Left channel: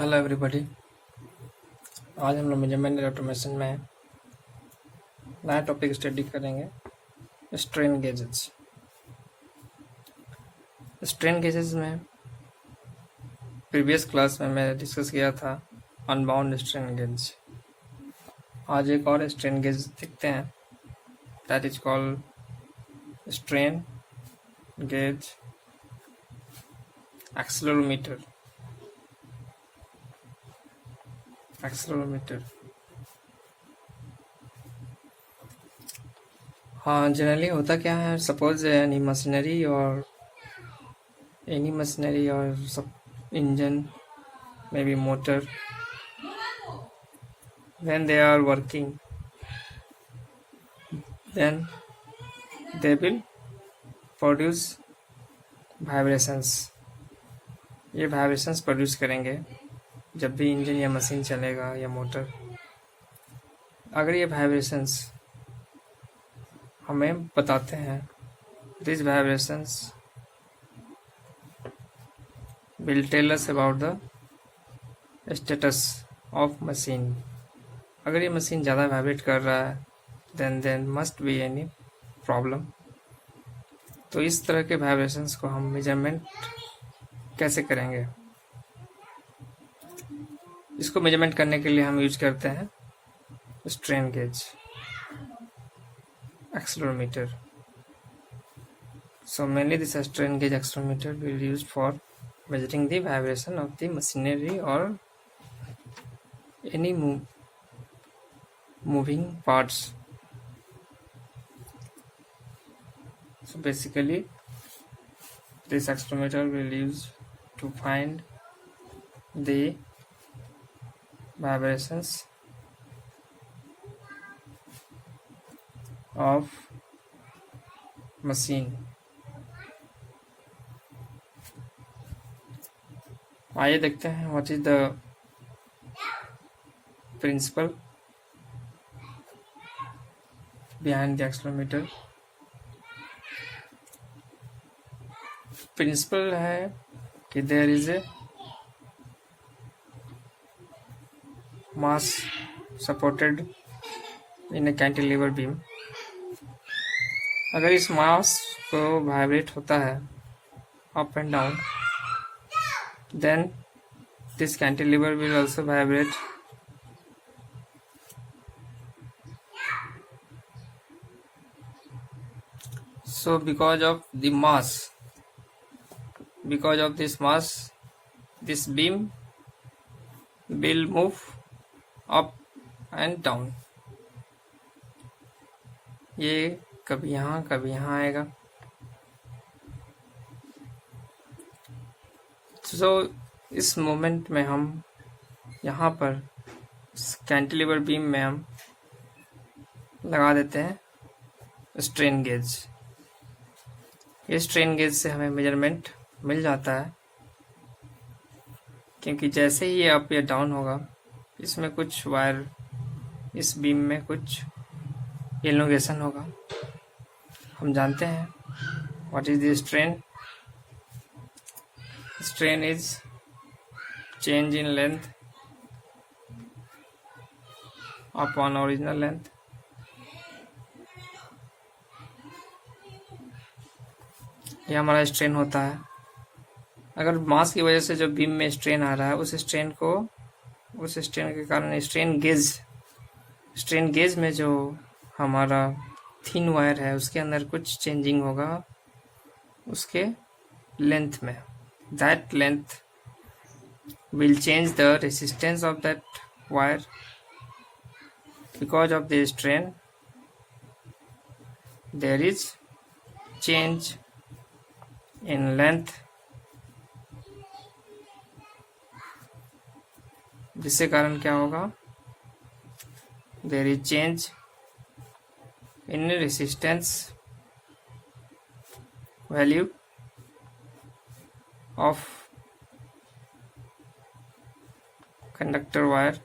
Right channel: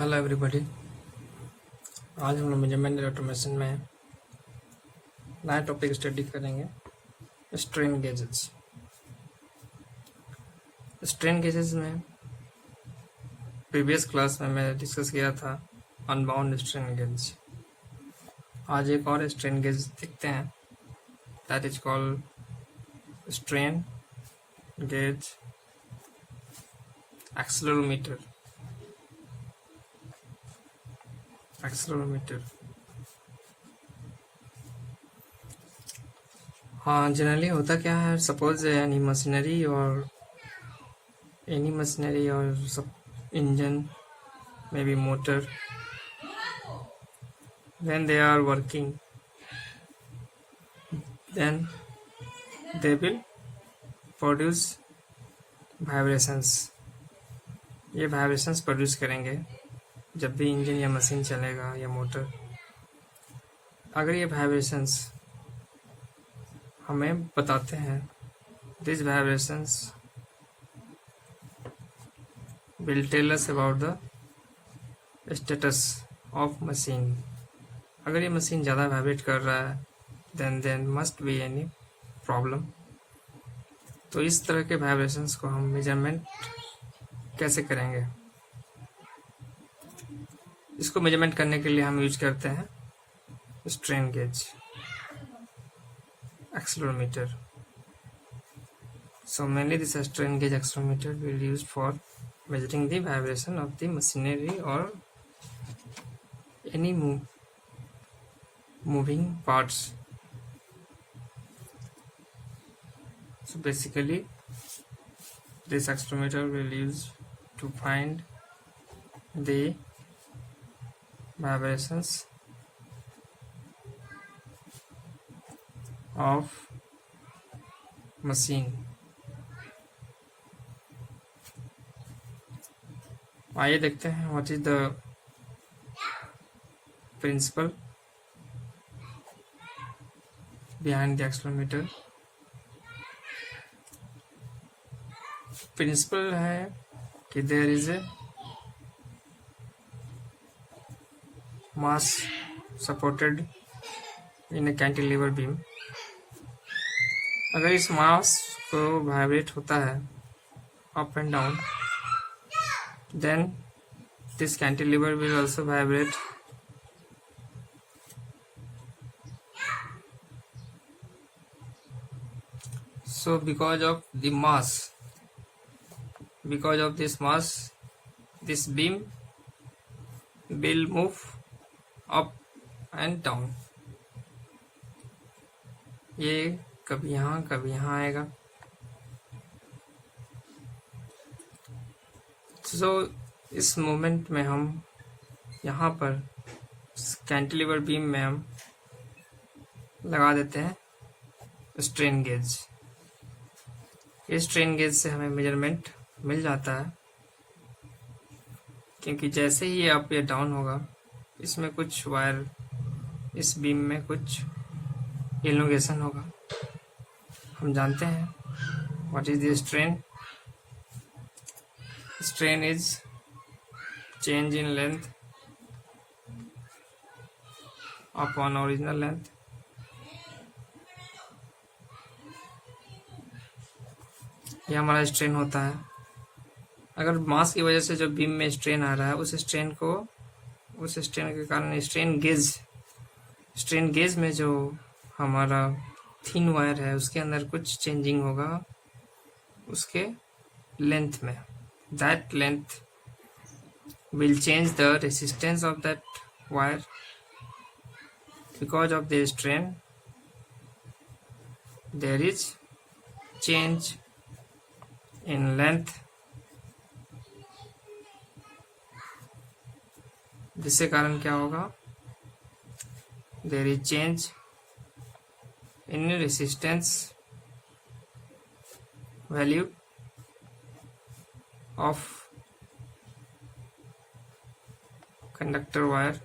Hello everybody. आज हम लोग मेजरमेंट ऑटोमेशन में नया टॉपिक स्टडी करेंगे, स्ट्रेन गेजेस। स्ट्रेन गेजेस में प्रीवियस क्लास में मैं डिस्कस किया था अनबाउंड स्ट्रेन गेज। आज एक और स्ट्रेन गेज देखते हैं, that is called strain gauge accelerometer. हाँ, जनरली होता क्या है, सपोज एनी मशीनरी और सब engine, maybe motor, when they are working, then they will produce vibrations. ये vibrations produce करेंगे जब भी इंजन या मशीन चलेगा या मोटर। अगर ये vibrations हमें बताते हैं, these vibrations will tell us about the status of machine. अगर ये मशीन ज़्यादा वाइब्रेट कर रहा है then must be any problem. तो इस तरह के वाइब्रेशंस को हम मेजरमेंट कैसे करेंगे? इसको मेजरमेंट करने के लिए हम यूज करते हैं strain gauge accelerometer. So mainly this strain gauge accelerometer will be used for measuring the vibration of the machinery or any moving parts. So basically this accelerometer will use to find the vibrations of machine. आइए देखते हैं what is the principle behind the accelerometer. Principle है कि there is a mass supported in a cantilever beam. अगर इस mass को vibrate होता है up and down, then this cantilever will also vibrate. So because of this mass, this beam will move up and down. ये कभी यहाँ आएगा. तो इस मोमेंट में हम यहाँ पर कैंटिलीवर बीम में हम लगा देते हैं स्ट्रेन गेज. इस स्ट्रेन गेज से हमें मेजरमेंट मिल जाता है, क्योंकि जैसे ही ये अप या डाउन होगा, इसमें कुछ वायर, इस बीम में कुछ एलोंगेशन होगा. हम जानते हैं what is the strain. Strain is change in length upon original length. ये हमारा स्ट्रेन होता है. अगर मास की वजह से जो बीम में स्ट्रेन आ रहा है, उस स्ट्रेन के कारण स्ट्रेन गेज में जो हमारा थिन वायर है, उसके अंदर कुछ चेंजिंग होगा उसके लेंथ में. That length will change the resistance of that wire. Because of the strain, there is change in length, जिससे कारण क्या होगा? There is change in resistance value of conductor wire,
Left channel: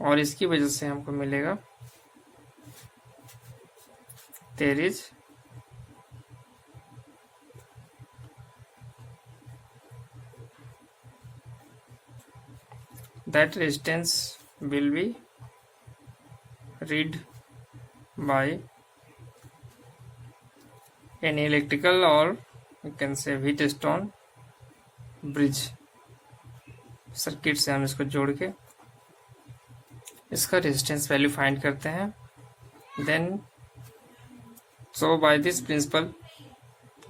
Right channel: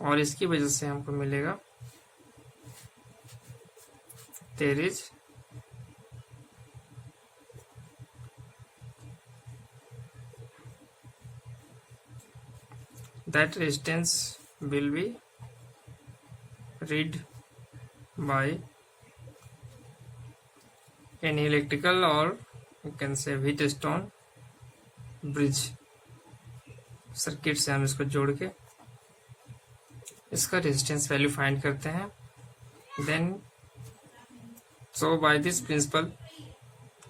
और इसकी वजह से हमको मिलेगा there is that resistance will be read by any electrical or you can say Wheatstone bridge circuit से हम इसको जोड़ के इसका रेजिस्टेंस वैल्यू फाइंड करते हैं. Then so by this principle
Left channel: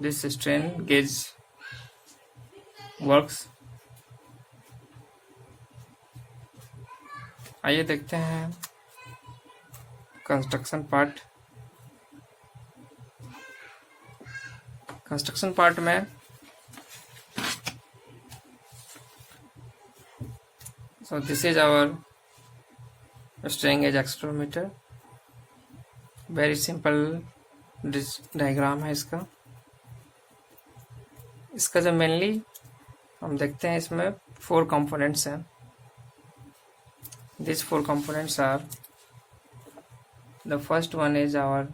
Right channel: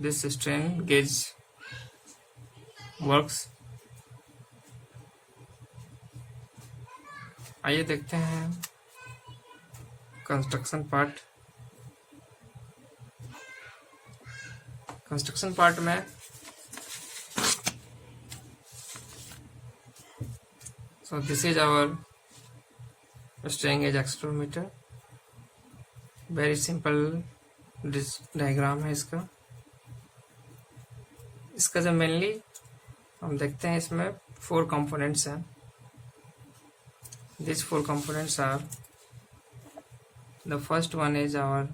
this strain gauge works. आइए देखते हैं कंस्ट्रक्शन पार्ट. कंस्ट्रक्शन पार्ट में so this is our strain gauge accelerometer. Very simple diagram है इसका. इसका जो मेनली हम देखते हैं इसमें 4 कंपोनेंट्स हैं. These 4 components are, the first one is our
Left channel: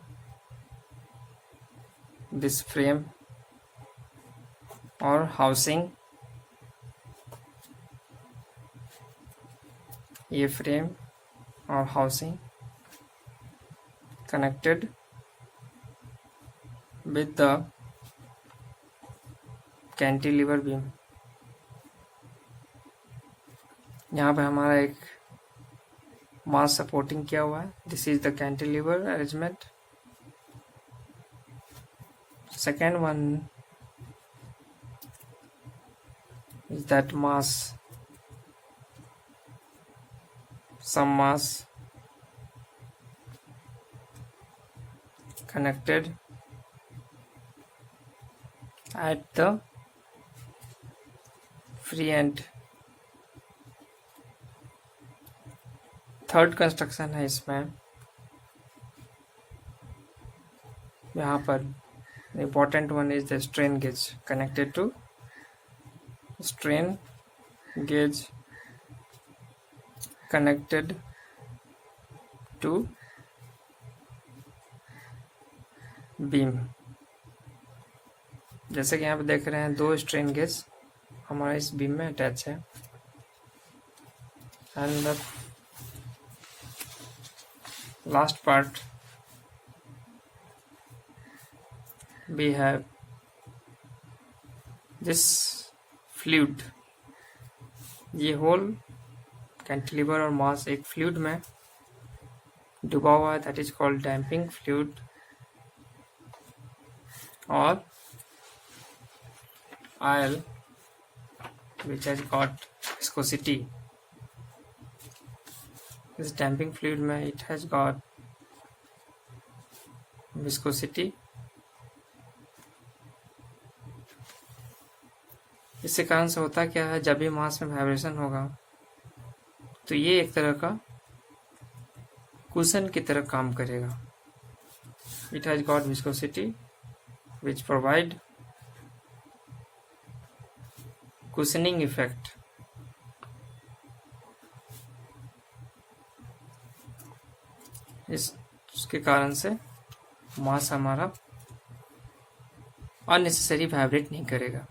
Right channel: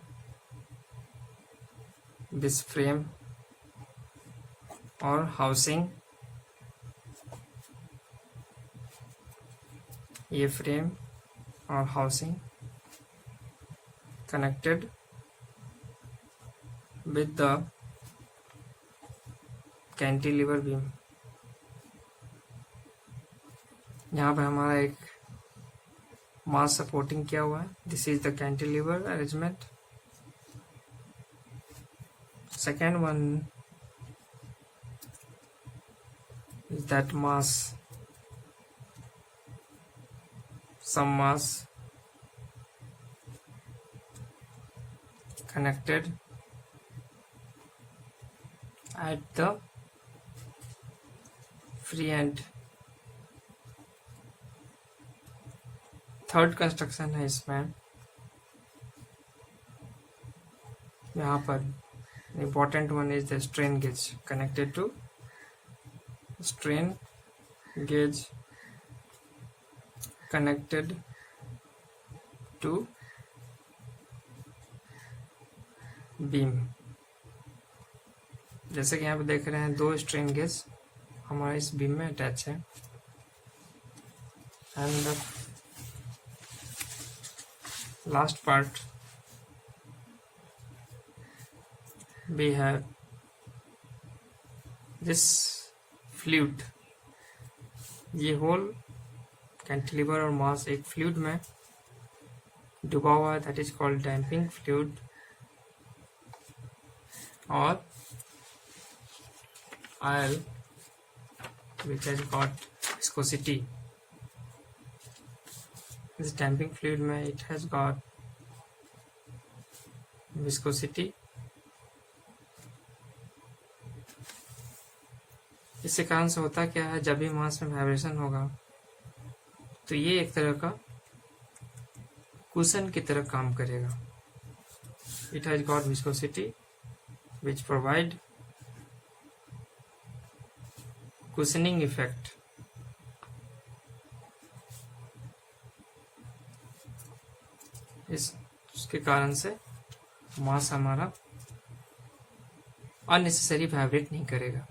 this frame or housing. ये फ्रेम और housing connected with the cantilever beam. यहाँ पे हमारा एक मास सपोर्टिंग किया हुआ है. This is the cantilever arrangement. Second one is that mass, some mass connected at the free end. Third construction है इसमें. यहाँ पर important one is the strain gauge connected to strain gauge connected to beam. जैसे कि यहाँ पे देख रहे हैं 2 स्ट्रेन गेज हमारा इस बीम में अटैच है. And the last part we have this fluid. ये होल कैंटिलीवर और मास एक फ्लूइड में डूबा हुआ है. That is called damping fluid और oil which has got viscosity. This damping fluid में it has got viscosity. इससे कारण से होता क्या है, जब भी मास में वाइब्रेशन होगा तो ये एक तरह का कुशन की तरह काम करेगा. It has got viscosity which provide cushioning effect. इसके कारण से मास हमारा अननेसेसरी वाइब्रेट नहीं करेगा.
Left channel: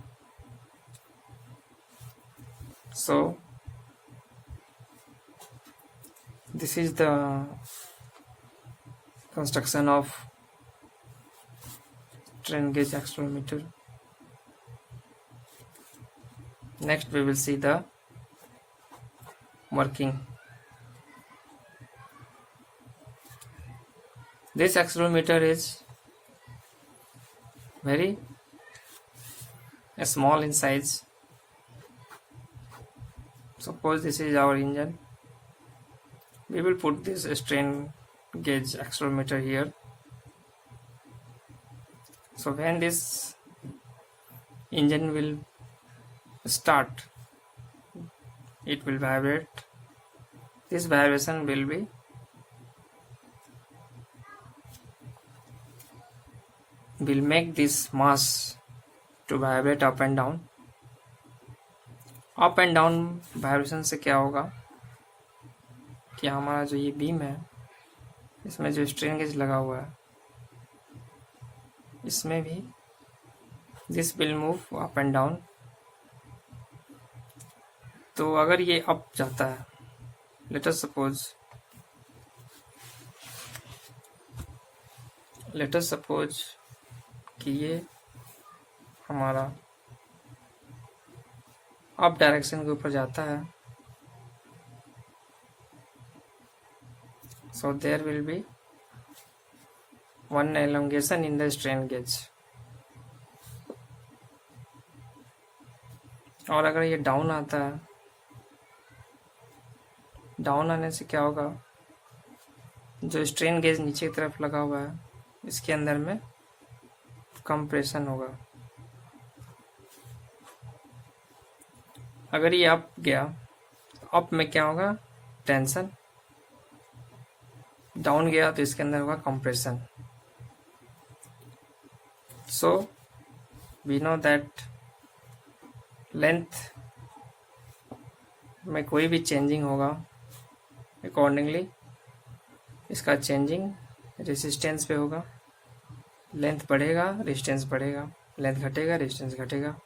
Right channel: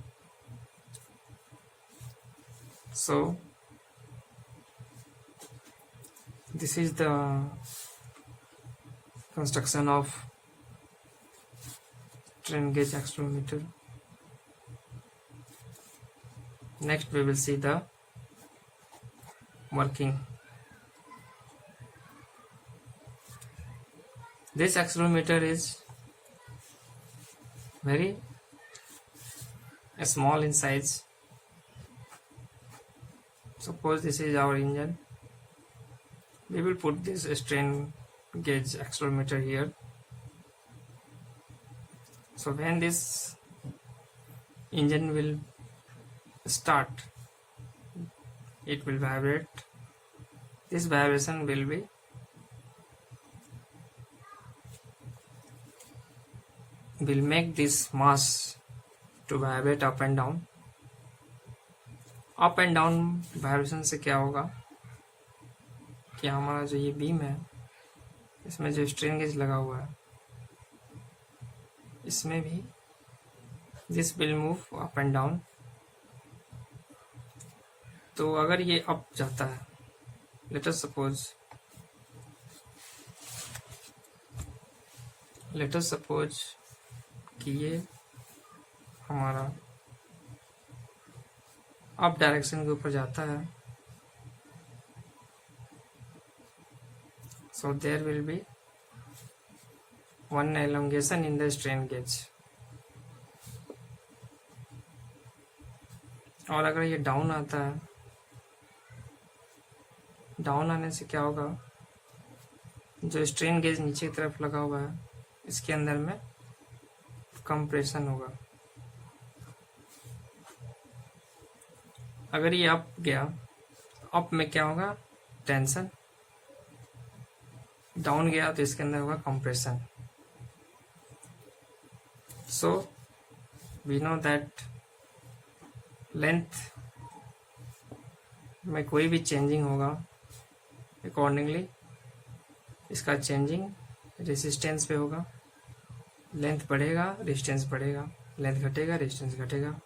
सो this is the construction of strain gauge accelerometer. Next we will see the working. This accelerometer is very small in size. Suppose this is our engine. We will put this strain gauge accelerometer here. So when this engine will start, it will vibrate. This vibration will make this mass to vibrate up and down. Up and down vibration से क्या होगा कि हमारा जो ये beam है इसमें जो स्ट्रेन गेज लगा हुआ है इसमें भी this will move up and down. तो अगर ये अप जाता है let us suppose कि ये हमारा अप डायरेक्शन के ऊपर जाता है, so there will be one elongation in the strain gauge. और अगर ये डाउन आता है, डाउन आने से क्या होगा, जो स्ट्रेन गेज नीचे की तरफ लगा हुआ है इसके अंदर में कंप्रेशन होगा। अगर ये अप गया, अप में क्या होगा, टेंशन, डाउन गया तो इसके अंदर होगा compression. So we know that length में कोई भी चेंजिंग होगा, अकॉर्डिंगली इसका चेंजिंग रेसिस्टेंस पे होगा। लेंथ बढ़ेगा, रेजिस्टेंस बढ़ेगा, लेंथ घटेगा, रेजिस्टेंस घटेगा।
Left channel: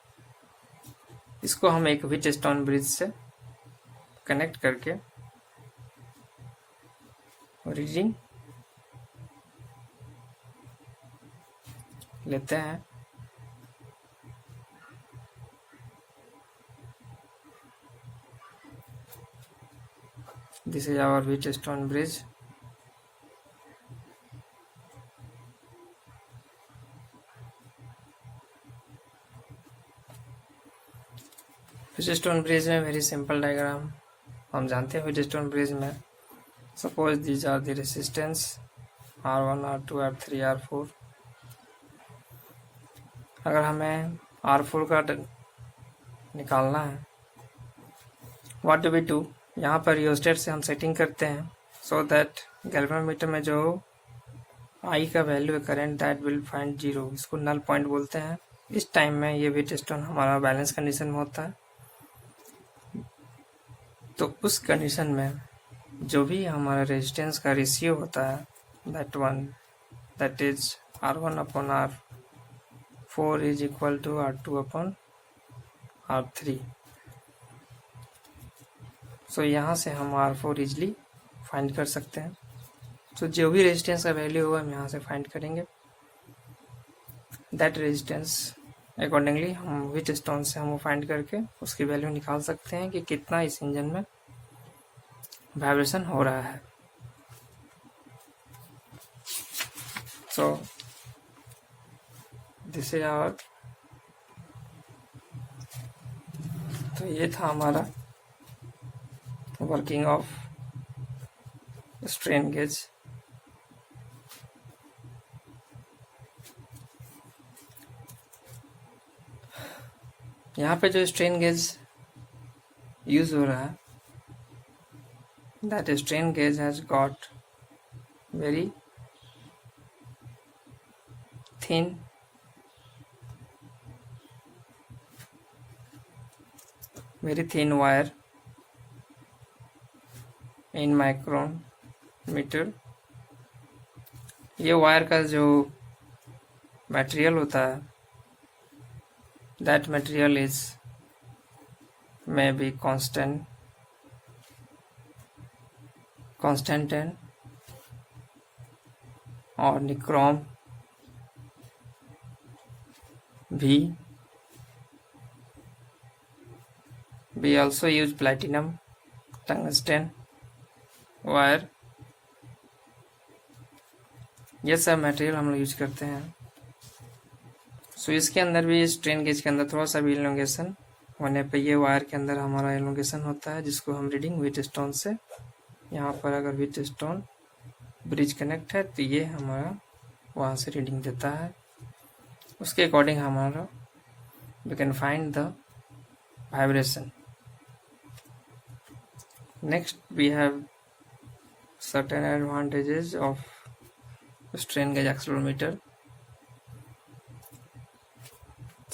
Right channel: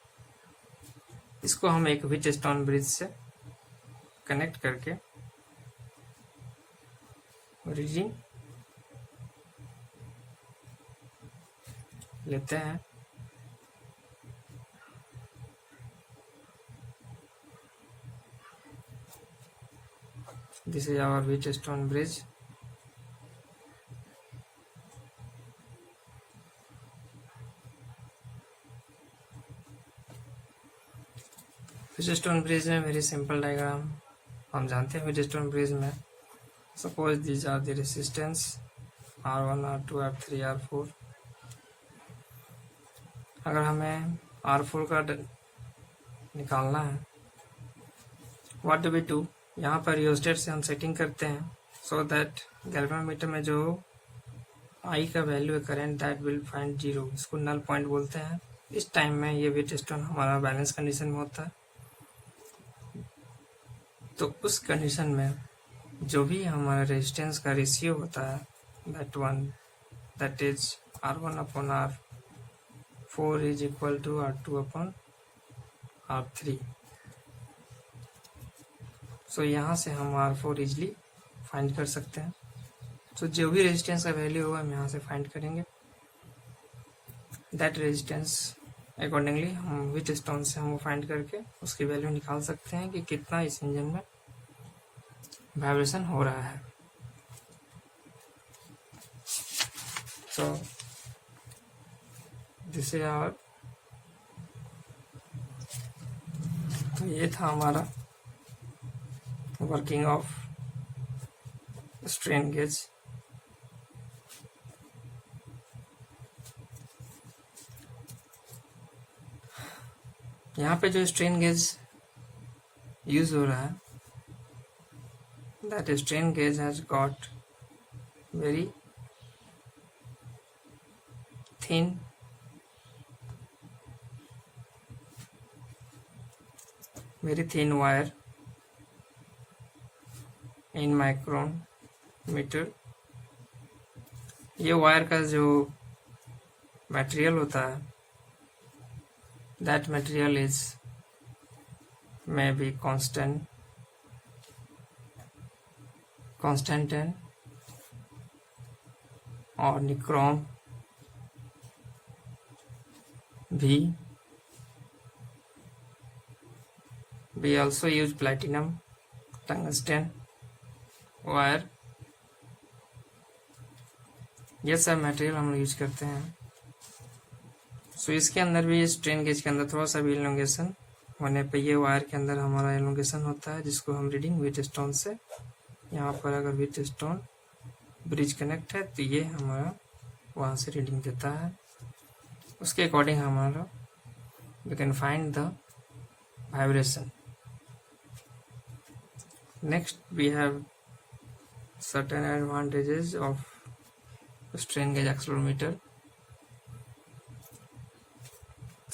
इसको हम एक व्हीटस्टोन ब्रिज से कनेक्ट करके रीडिंग लेते हैं। This is our Wheatstone bridge. Wheatstone bridge में वेरी सिंपल डायग्राम हम जानते हैं। व्हीटस्टोन ब्रिज में suppose these are the resistance R1, R2, R3, R4। अगर हमें R4 का निकालना है, व्हाट डू वी डू, यहाँ पर रियोस्टेट से हम सेटिंग करते हैं सो दैट गैल्वेनोमीटर में जो आई का वैल्यू है करंट, दैट विल फाइंड 0। इसको नल पॉइंट बोलते हैं। इस टाइम में ये व्हीटस्टोन हमारा बैलेंस कंडीशन में होता है। तो उस कंडीशन में जो भी हमारा रेजिस्टेंस का रेशियो होता है, that is R1/R4 is equal to R2/R3। So यहाँ से हम R4 इजली फाइंड कर सकते हैं। तो जो भी रेजिस्टेंस का वैल्यू होगा हम यहाँ से फाइंड करेंगे। दैट रेजिस्टेंस अकॉर्डिंगली हम व्हीटस्टोन से हम फाइंड करके उसकी वैल्यू निकाल सकते हैं कि कितना इस इंजन में वाइब्रेशन हो रहा है। सो दिस इज आवर, तो ये था हमारा वर्किंग ऑफ स्ट्रेन गेज। यहाँ पे जो स्ट्रेन गेज यूज हो रहा है, that strain gauge has got very thin wire in micrometer. ये वायर का जो मटेरियल होता है, that material is may be constant or nichrome we also use platinum, tungsten wire। ये सब मटेरियल हम लोग यूज करते हैं। सो इसके अंदर भी, स्ट्रेन गेज के अंदर थोड़ा सा भी एलोंगेशन होने पे ये वायर के अंदर हमारा एलोंगेशन होता है, जिसको हम रीडिंग व्हीटस्टोन से, यहाँ पर अगर व्हीटस्टोन ब्रिज कनेक्ट है तो ये हमारा वहाँ से रीडिंग देता है। उसके अकॉर्डिंग हमारा we can find the vibration. Next we have certain advantages of strain gauge accelerometer.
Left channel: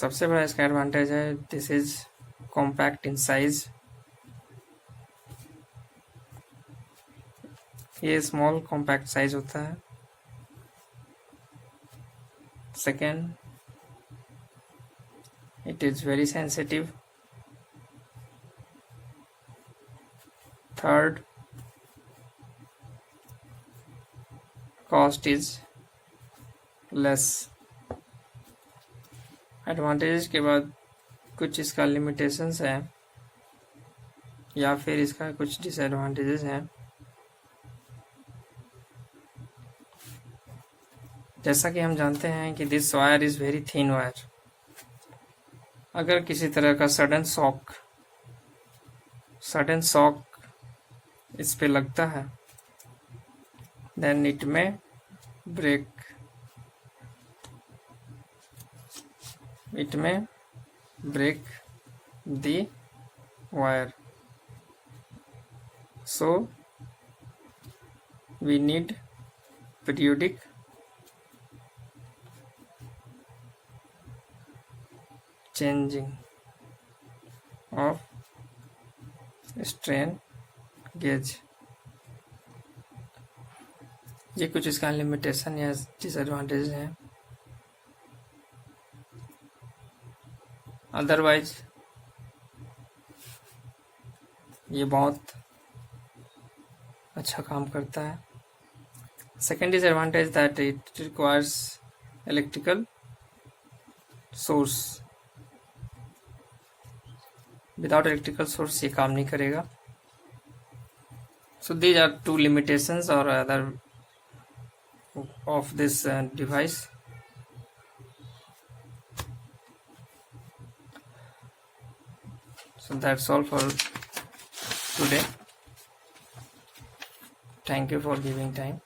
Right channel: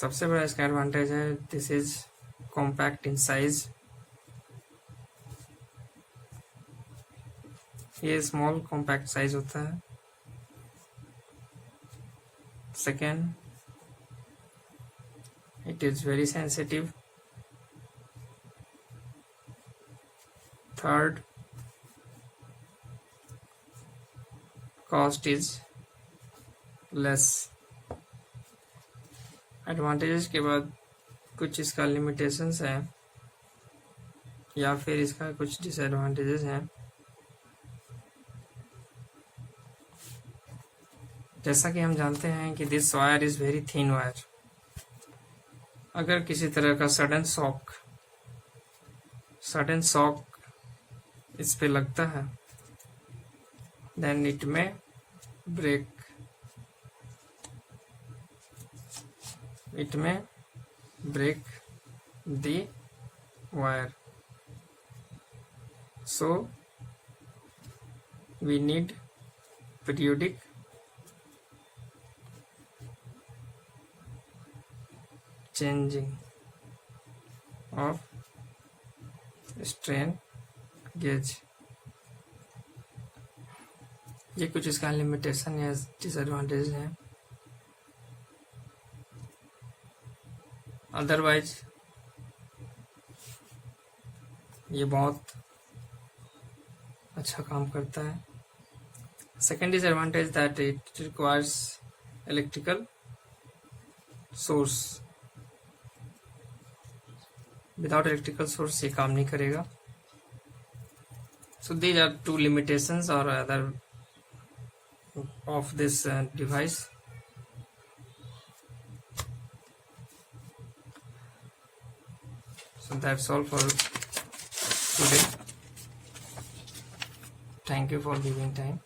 सबसे बड़ा इसका एडवांटेज है, this is compact in size. ये स्मॉल कॉम्पैक्ट साइज होता है। Second, it is very sensitive. Third, cost is less. Advantages के बाद कुछ इसका लिमिटेशंस है या फिर इसका कुछ डिसएडवांटेजेस हैं। जैसा कि हम जानते हैं कि this wire is very thin wire. अगर किसी तरह का सडन शॉक इस पे लगता है, देन इट में break, the wire. So we need periodic changing of strain gauge। ये कुछ इसका लिमिटेशन या डिसएडवांटेज हैं। अदरवाइज ये बहुत अच्छा काम करता है। Second disadvantage that it requires electrical source. Without electrical source ये काम नहीं करेगा। So these are two limitations और other of this device। So that's all for today. Thank you for giving time.